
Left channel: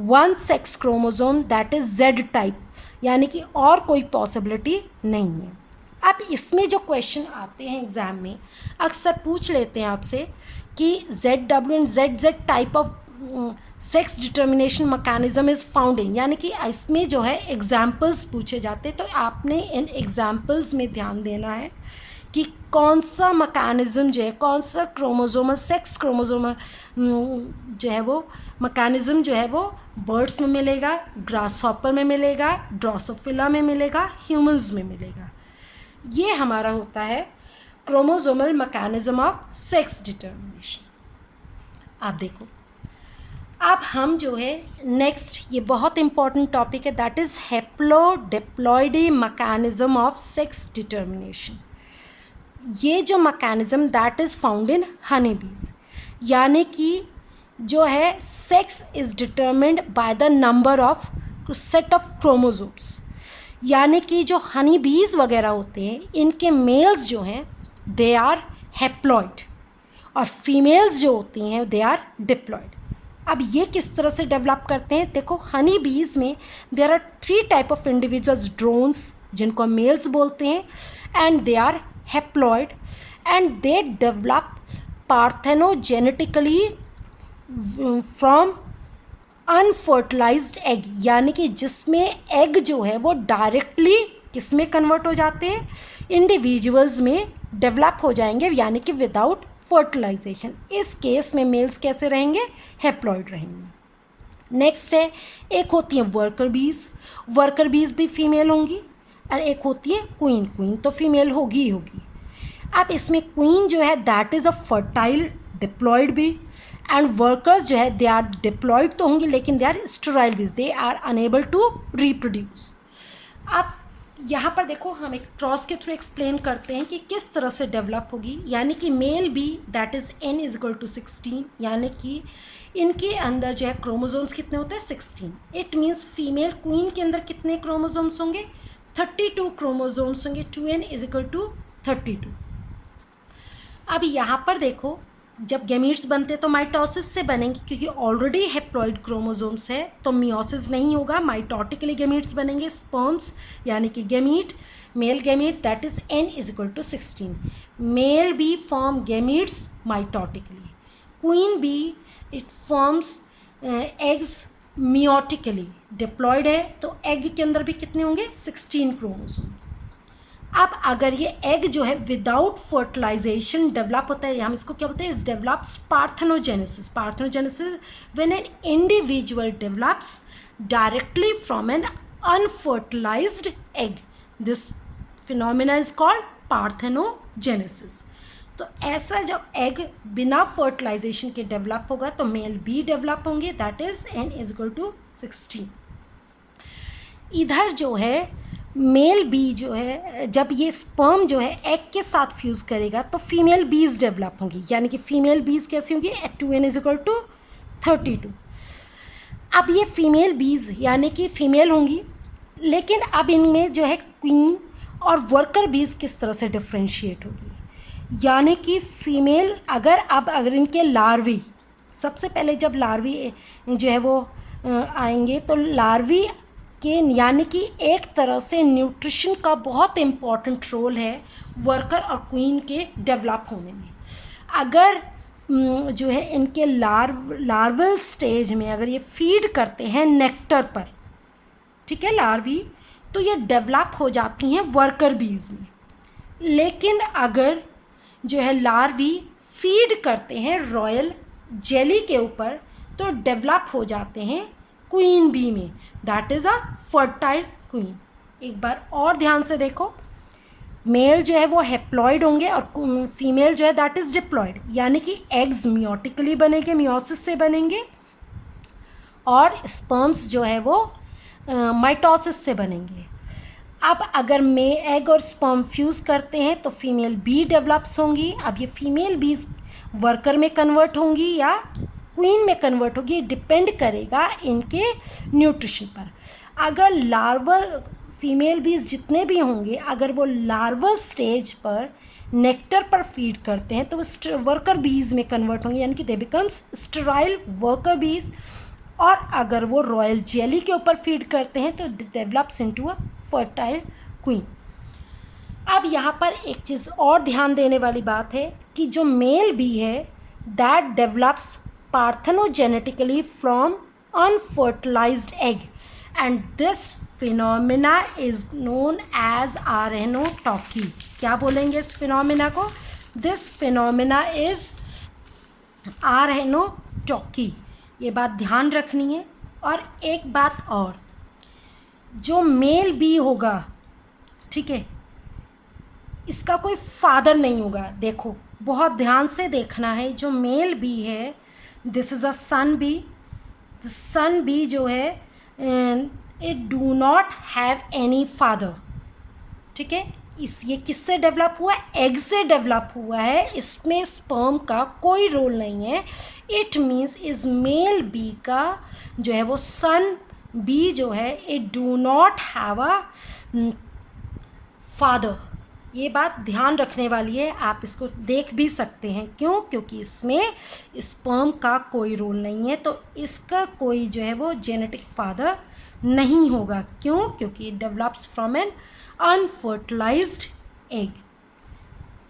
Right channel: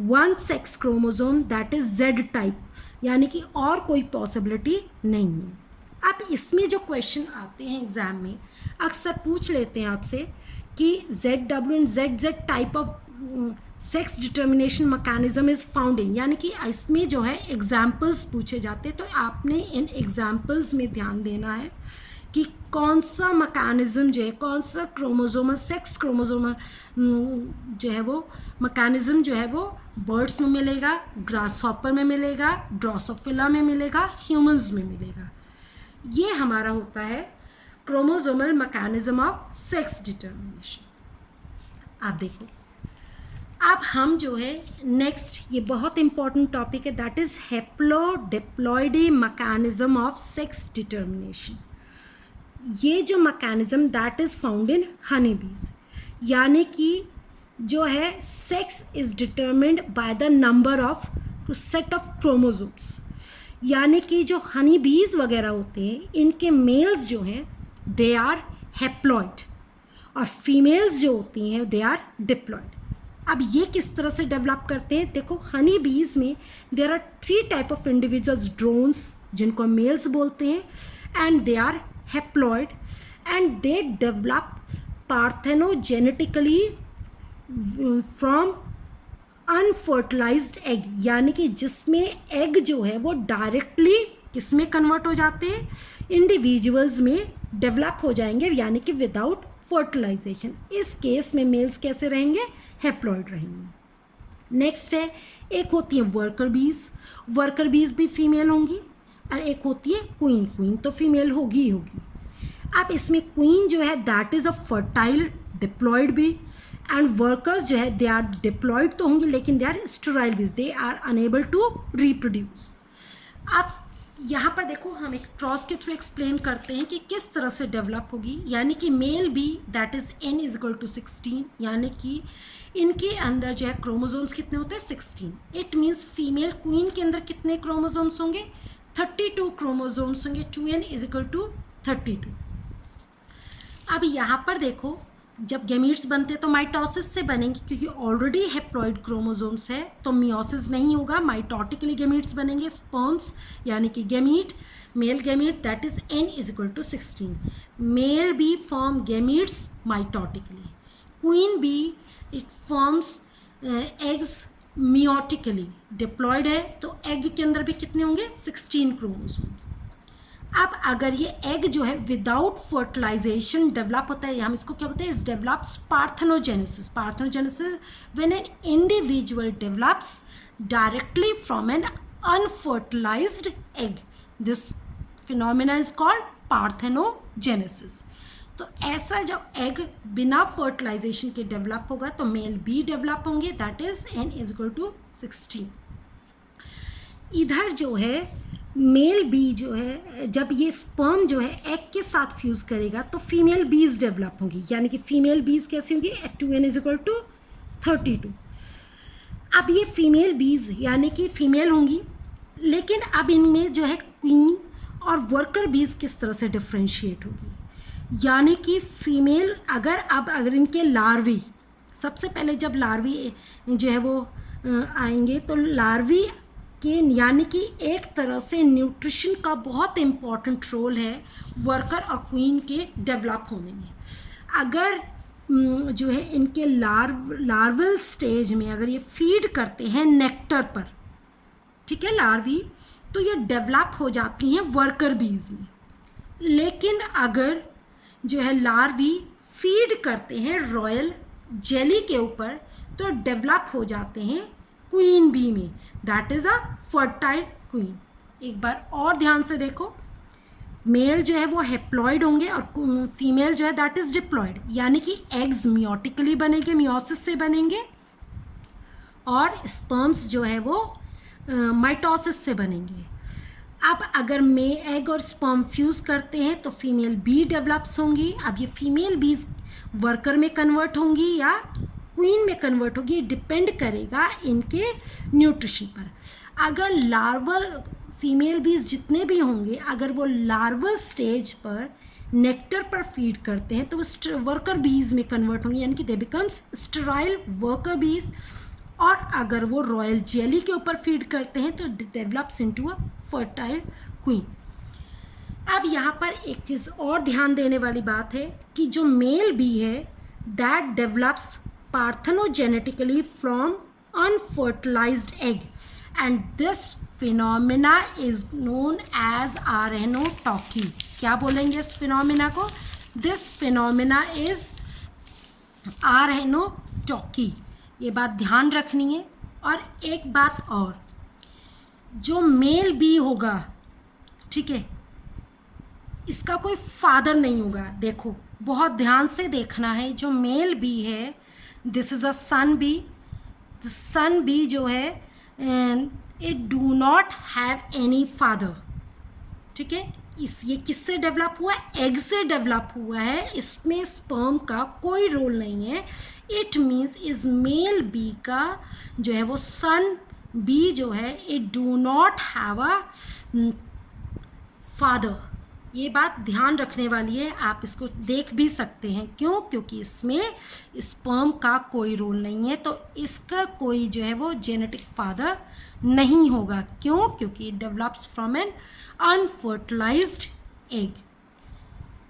1 sex chromosome that is Z type, यानी कि और कोई possibility नहीं है. अब इसमें जो क्वेश्चन आते हैं एग्ज़ाम में अक्सर पूछ लेते हैं आपसे कि ZW and ZZ type of sex determination mechanism is found इन, यानी कि इसमें जो है एग्जाम्पल्स पूछे जाते हैं. तो आपने इन एग्जाम्पल्स में ध्यान देना है कि कौन सा मैकेनिज्म जो है, कौन सा क्रोमोसोमल सेक्स क्रोमोसोमल जो है वो मैकेनिज्म जो है वो बर्ड्स में मिलेगा, ग्रासहॉपर में मिलेगा, ड्रोसोफिला में मिलेगा, ह्यूमंस में मिलेगा. ये हमारा होता है chromosomal mechanism of sex determination. आप देखो, अब हम जो है नेक्स्ट, ये बहुत इंपॉर्टेंट टॉपिक है, that is haplodiploidy mechanism of sex determination. ये जो mechanism that is found in honey bees, यानी कि जो है sex is determined by the number of set of chromosomes, यानी कि जो हनी बीज वगैरह होते हैं इनके मेल्स जो हैं दे आर हैप्लॉइड और फीमेल्स जो होती हैं दे आर डिप्लॉइड. अब ये किस तरह से डेवलप करते हैं, देखो हनी बीज में there are 3 type of individuals, drones जिनको मेल्स बोलते हैं, and they are haploid and they develop parthenogenetically from unfertilized egg, यानी कि जिसमें एग जो है वो डायरेक्टली किस में कन्वर्ट हो जाते हैं, इंडिविजुअल्स में डेवलप हो जाएंगे, यानी कि विदाउट फर्टिलाइजेशन. इस केस में मेल्स कैसे रहेंगे, हैप्लॉइड रहेंगे. नेक्स्ट है, एक होती है वर्कर बीज, वर्कर बीज भी फीमेल होंगी, और एक होती है क्वीन, क्वीन तो फीमेल होगी ही होगी. अब इसमें क्वीन जो है that is a fertile diploid bee, and workers जो है दे आर डिप्लॉइड तो होंगी लेकिन दे are sterile bees, they are unable to reproduce. अब यहाँ पर देखो हम एक क्रॉस के थ्रू एक्सप्लेन करते हैं कि किस तरह से डेवलप होगी, यानी कि male bee that is n is equal to 16, यानी कि इनके अंदर जो है क्रोमोसोम्स कितने होते हैं 16. इट मीन्स फीमेल क्वीन के अंदर कितने क्रोमोसोम्स होंगे 32 क्रोमोसोम्स होंगे, 2n इज इक्वल टू 32. अब यहाँ पर देखो जब गैमीट्स बनते तो माइटोसिस से बनेंगे, क्योंकि ऑलरेडी हैप्लॉइड क्रोमोसोम्स है तो मियोसिस नहीं होगा, माइटोटिकली गैमीट्स बनेंगे. स्पर्म्स यानी कि gamete, male gamete that is n is equal to 16. Male bee form gametes mitotically, queen bee it forms eggs meiotically. Diploid है तो एग के अंदर भी कितने होंगे 16 क्रोमोसोम्स. अब अगर ये एग जो है विदाउट फर्टिलाइजेशन डेवलप होता है, हम इसको क्या बोलते हैं, इस develops parthenogenesis. Parthenogenesis when an individual develops directly from an unfertilized egg, this phenomena is called parthenogenesis. तो ऐसा जब एग बिना फर्टिलाइजेशन के डेवलप होगा तो मेल बी डेवलप होंगे, that is n is equal to 16. इधर जो है मेल बी जो है जब ये स्पर्म जो है एग के साथ फ्यूज़ करेगा तो फीमेल बीज डेवलप होंगी, यानी कि फीमेल बीज कैसी होंगी 2n इज इक्वल टू 32. अब ये फीमेल बीज यानी कि फीमेल होंगी, लेकिन अब इनमें जो है क्वीन और वर्कर बीज किस तरह से डिफ्रेंशिएट होगी, यानी कि फीमेल अगर इनके लार्वी, सबसे पहले जब लार्वी जो है वो आएंगे तो लार्वी के यानी कि एक तरह से न्यूट्रिशन का बहुत इम्पॉर्टेंट रोल है वर्कर और क्वीन के डेवलप होने में. अगर जो है इनके लार्वल स्टेज में अगर ये फीड करते हैं नेक्टर पर, ठीक है, लार्वी, तो ये डेवलप हो जाती हैं वर्कर बीज में. लेकिन अगर जो है लार्वी फीड करते हैं रॉयल जेली के ऊपर तो डेवलप हो जाते हैं क्वीन बी में, that is a fertile queen. एक बार और ध्यान से देखो, मेल जो है वो हेप्लॉइड होंगे और फीमेल जो है दैट इज़ डिप्लॉइड, यानी कि एग्स मियोटिकली बनेंगे, मियोसिस से बनेंगे, और स्पर्म्स जो है वो माइटोसिस से बनेंगे। अब अगर एग और स्पर्म फ्यूज़ करते हैं तो फीमेल बी डेवलप्स होंगी। अब ये फीमेल बीज वर्कर में कन्वर्ट होंगी या क्वीन में कन्वर्ट होगी, डिपेंड करेगा इनके न्यूट्रिशन पर। अगर लार्वल फीमेल बीज जितने भी होंगे, अगर वो लार्वल स्टेज पर नेक्टर पर फीड करते हैं तो वो वर्कर बीज में कन्वर्ट होंगे, यानी कि दे बिकम्स स्टेराइल वर्कर बीज। और अगर वो रॉयल जेली के ऊपर फीड करते हैं तो develops into a fertile queen. अब यहाँ पर एक चीज़ और ध्यान देने वाली बात है कि जो मेल बी है that develops parthenogenetically from unfertilized egg and this phenomena is known as arrhenotoky. क्या बोलेंगे इस फिनोमिना को? This phenomena is arrhenotoky. ये बात ध्यान रखनी है। और एक बात और, जो मेल बी होगा, ठीक है, इसका कोई फादर नहीं होगा। देखो बहुत ध्यान से देखना है, जो मेल बी है this is a son bee. Son bee जो है it do not have any father, ठीक है। ये किससे डेवलप हुआ? एग से डेवलप हुआ है। इसमें स्पर्म का कोई रोल नहीं है। इट मीन्स इस मेल बी का जो है वो सन बी जो है it do not have a father. ये बात ध्यान रखने वाली है, आप इसको देख भी सकते हैं। क्यों? क्योंकि इसमें स्पर्म का कोई रोल नहीं है, तो इसका कोई जो है वो जेनेटिक फादर नहीं होगा। क्यों? क्योंकि it develops from an unfertilized egg.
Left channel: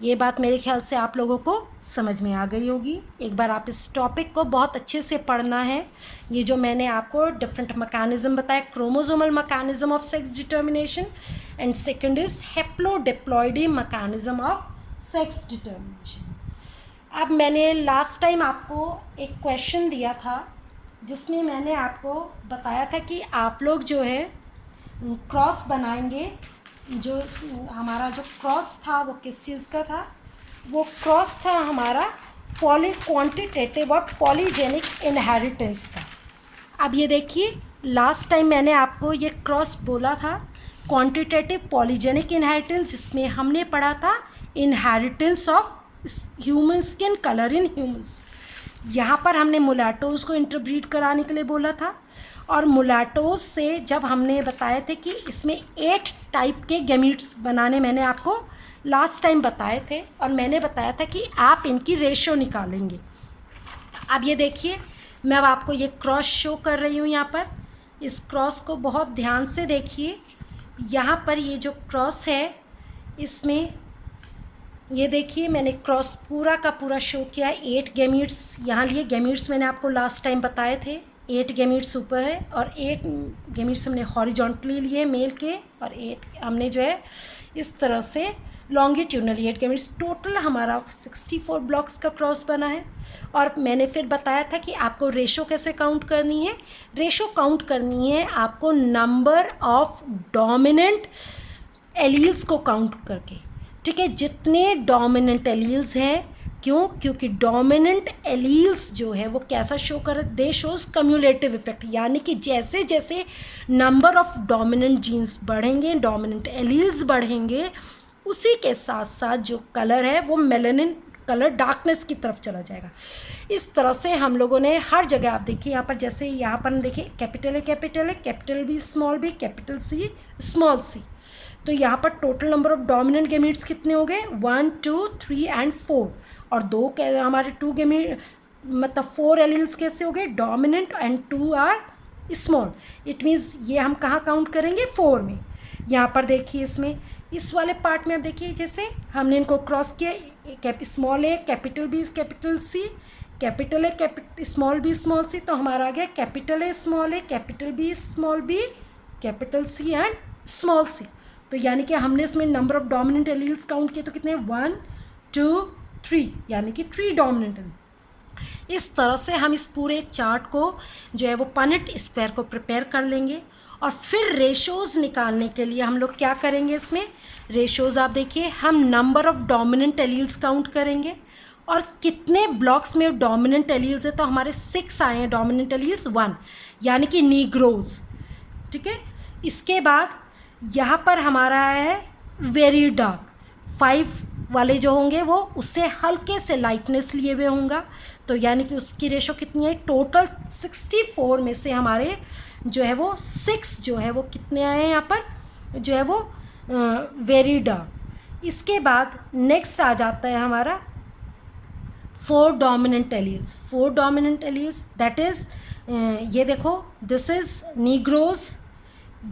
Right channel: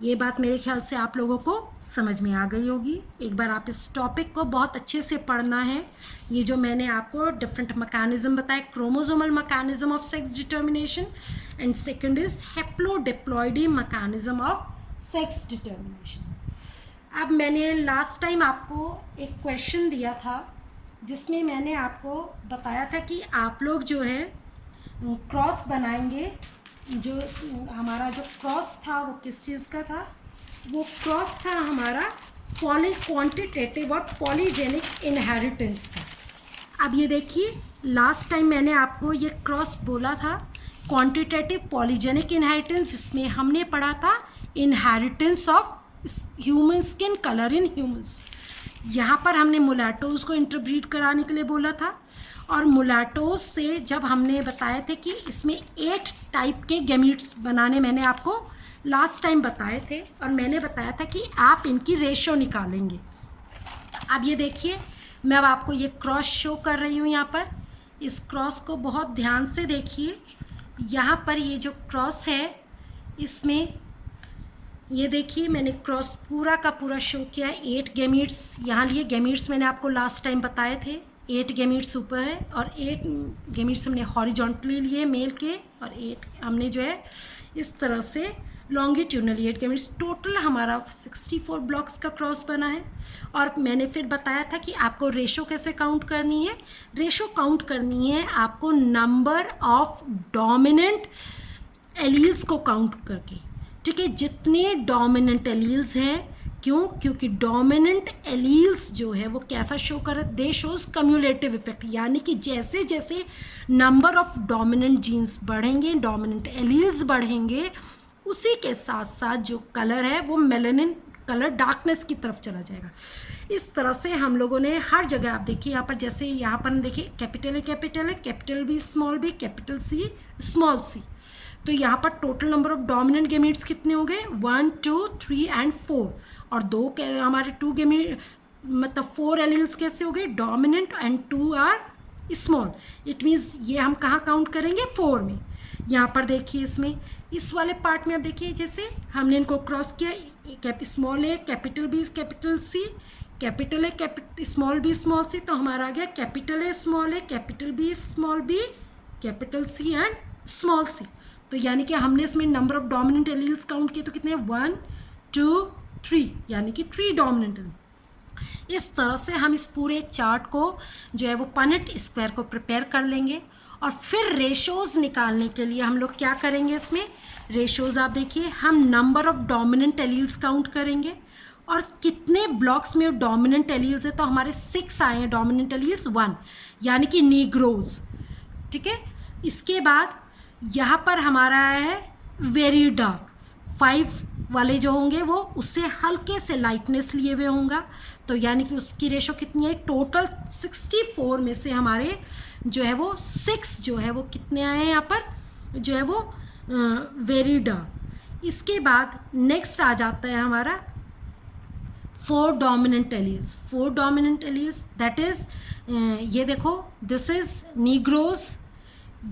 ये बात मेरे ख्याल से आप लोगों को समझ में आ गई होगी। एक बार आप इस टॉपिक को बहुत अच्छे से पढ़ना है। ये जो मैंने आपको डिफरेंट मैकेनिज्म बताया, chromosomal mechanism of sex determination and second is haplodiploidy mechanism of sex determination. अब मैंने लास्ट टाइम आपको एक क्वेश्चन दिया था जिसमें मैंने आपको बताया था कि आप लोग जो है क्रॉस बनाएंगे। जो हमारा जो क्रॉस था वो किस चीज़ का था? वो क्रॉस था हमारा क्वांटिटेटिव और पॉलीजेनिक इनहेरिटेंस का। अब ये देखिए, लास्ट टाइम मैंने आपको ये क्रॉस बोला था क्वांटिटेटिव पॉलीजेनिक इनहेरिटेंस, जिसमें हमने पढ़ा था inheritance of human skin colour in humans. यहाँ पर हमने मुलाटोज को इंटरब्रीड कराने के लिए बोला था, और मुलाटोज से जब हमने बताए थे कि इसमें 8 टाइप के गैमीट्स बनाने मैंने आपको लास्ट टाइम बताए थे, और मैंने बताया था कि आप इनकी रेशो निकालेंगे। अब ये देखिए, मैं अब आपको ये क्रॉस शो कर रही हूँ। यहाँ पर इस क्रॉस को बहुत ध्यान से देखिए। यहाँ पर ये जो क्रॉस है इसमें ये देखिए, मैंने क्रॉस पूरा का पूरा शो किया है। 8 गैमीट्स यहाँ लिए। गैमीट्स मैंने आपको लास्ट टाइम बताए थे, 8 गैमीट्स ऊपर है और 8 गैमीट्स हमने हॉरिजॉन्टली लिए मेल के, और 8 हमने जो है इस तरह से लॉन्गिट्यूडनली 8 गैमीट्स। टोटल हमारा 64 ब्लॉक्स का क्रॉस बना है। और मैंने फिर बताया था कि आपको रेशो कैसे काउंट करनी है। रेशो काउंट करनी है आपको नंबर ऑफ डोमिनेंट एलील्स को काउंट करके, ठीक है। जितने डोमिनेंट एलील्स हैं, क्यों? क्योंकि डोमिनेंट एलील्स जो है वो कैसा शो कर रहे? दे शोज कम्युलेटिव इफेक्ट, यानी कि जैसे जैसे नंबर ऑफ डोमिनेंट जीन्स बढ़ेंगे, डोमिनेंट एलील्स बढ़ेंगे, उसी के साथ साथ जो कलर है वो मेलानिन कलर डार्कनेस की तरफ चला जाएगा। इस तरह से हम लोगों ने हर जगह, आप देखिए यहाँ पर, जैसे यहाँ पर देखिए कैपिटल है, capital B, capital C, small C. तो यहाँ पर total number of dominant gametes कितने हो गए? 1, 2, 3 एंड 4। और दो हमारे 2 गैमीट मतलब 4 एलील्स कैसे हो गए? Dominant and 2 are small. It means ये हम कहाँ काउंट करेंगे? 4 में। यहाँ पर देखिए, इसमें इस वाले पार्ट में आप देखिए, जैसे हमने इनको क्रॉस किया, small A capital B capital C, capital A small C, तो हमारा आ गया capital A, capital B, capital C and small C. तो यानी कि हमने इसमें number of dominant alleles count किए तो कितने? 1, 2, 3 यानी कि 3 डोमिनेंट एलील। इस तरह से हम इस पूरे चार्ट को जो है वो पनेट स्क्वायर को प्रिपेयर कर लेंगे। और फिर रेशोज़ निकालने के लिए हम लोग क्या करेंगे, इसमें रेशोज़ आप देखिए, हम number of dominant alleles count करेंगे और कितने ब्लॉक्स में डोमिनेंट एलील्स है, तो हमारे 6 आए हैं डोमिनेंट एलील्स 1 यानी कि नीग्रोज, ठीक है। इसके बाद यहाँ पर हमारा आया है वेरी डार्क, 5 वाले जो होंगे वो उससे हल्के से लाइटनेस लिए हुए होंगे, तो यानी कि उसकी रेशो कितनी है, टोटल 64 में से हमारे जो है वो 6 जो है वो कितने आए हैं यहाँ पर, जो है वो वेरी डार्क। इसके बाद नेक्स्ट आ जाता है हमारा 4 dominant alleles. 4 dominant alleles that is ये देखो, दिस इज़ नीग्रोज,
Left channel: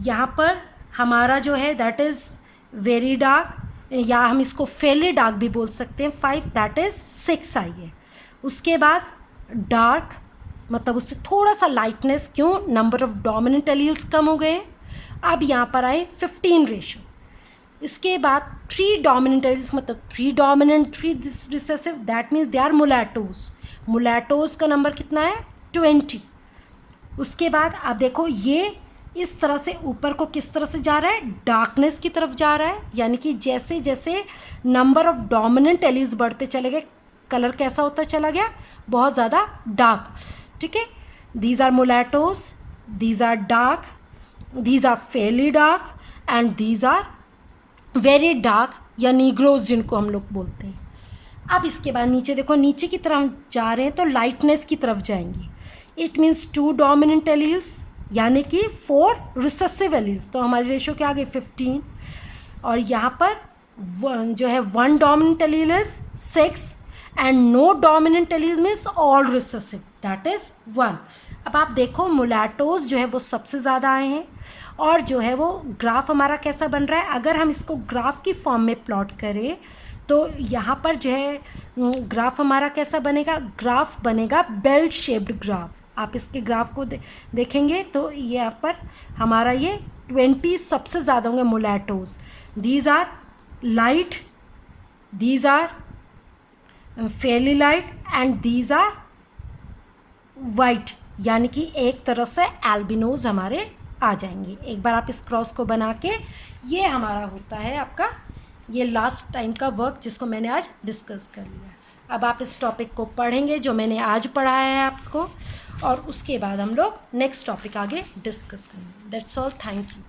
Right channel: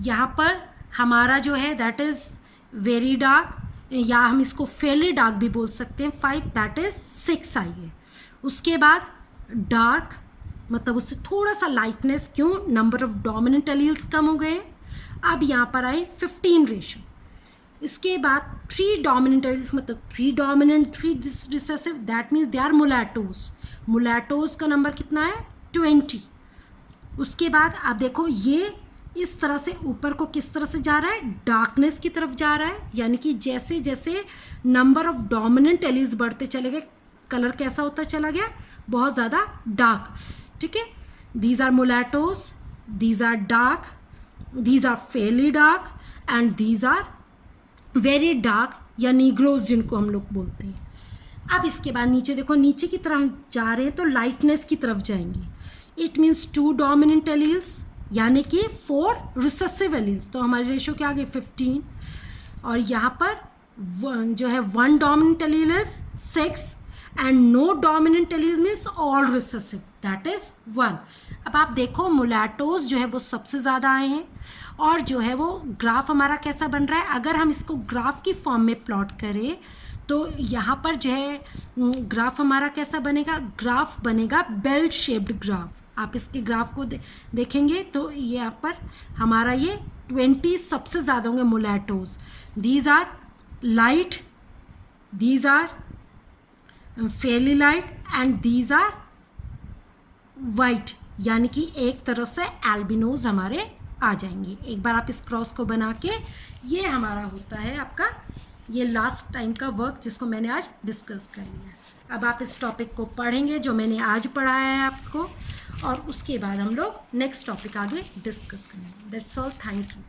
यहाँ पर हमारा जो है दैट इज़ वेरी डार्क, या हम इसको फेली डार्क भी बोल सकते हैं, 5 दैट इज़ 6 आई है। उसके बाद डार्क मतलब उससे थोड़ा सा लाइटनेस, क्यों, नंबर ऑफ़ डोमिनेंट एलील्स कम हो गए। अब यहाँ पर आए 15 रेशो। इसके बाद 3 डोमिनेंट एलील्स मतलब 3 dominant 3 recessive, that means they are mulattoes. Mulattoes का नंबर कितना है, 20। उसके बाद आप देखो ये इस तरह से ऊपर को किस तरह से जा रहा है, डार्कनेस की तरफ जा रहा है, यानी कि जैसे जैसे नंबर ऑफ़ डोमिनेंट एलील्स बढ़ते चले गए, कलर कैसा होता चला गया, बहुत ज़्यादा डार्क, ठीक है। These are mulattoes, these are dark, these are fairly dark and these are very dark या नीग्रोज जिनको हम लोग बोलते हैं। अब इसके बाद नीचे देखो, नीचे की तरफ हम जा रहे हैं तो लाइटनेस की तरफ जाएंगे। इट मीन्स 2 डोमिनेंट एलील्स यानी कि 4 रिसेसिव एलील्स, तो हमारी रेशो क्या आ गई 15। और यहाँ पर जो है 1 dominant allele is 6 and no dominant allele means all recessive that is 1। अब आप देखो मुलैटोज जो है वो सबसे ज़्यादा आए हैं, और जो है वो ग्राफ हमारा कैसा बन रहा है, अगर हम इसको ग्राफ की फॉर्म में प्लॉट करें तो यहाँ पर जो है ग्राफ हमारा कैसा बनेगा, ग्राफ बनेगा बेल शेप्ड ग्राफ। आप इसके ग्राफ को देखेंगे तो यहाँ पर हमारा ये 20 सबसे ज़्यादा होंगे mulattoes. These are light, these are fairly light and these are white, यानी कि एक तरह से एल्बिनोज हमारे आ जाएंगे। एक बार आप इस क्रॉस को बना के, ये हमारा होता है आपका ये लास्ट टाइम का वर्क जिसको मैंने आज डिस्कस कर लिया। अब आप इस टॉपिक को पढ़ेंगे जो मैंने आज पढ़ाया है आपको, और उसके बाद हम लोग नेक्स्ट टॉपिक आगे डिस्कस करेंगे। That's all, thank you.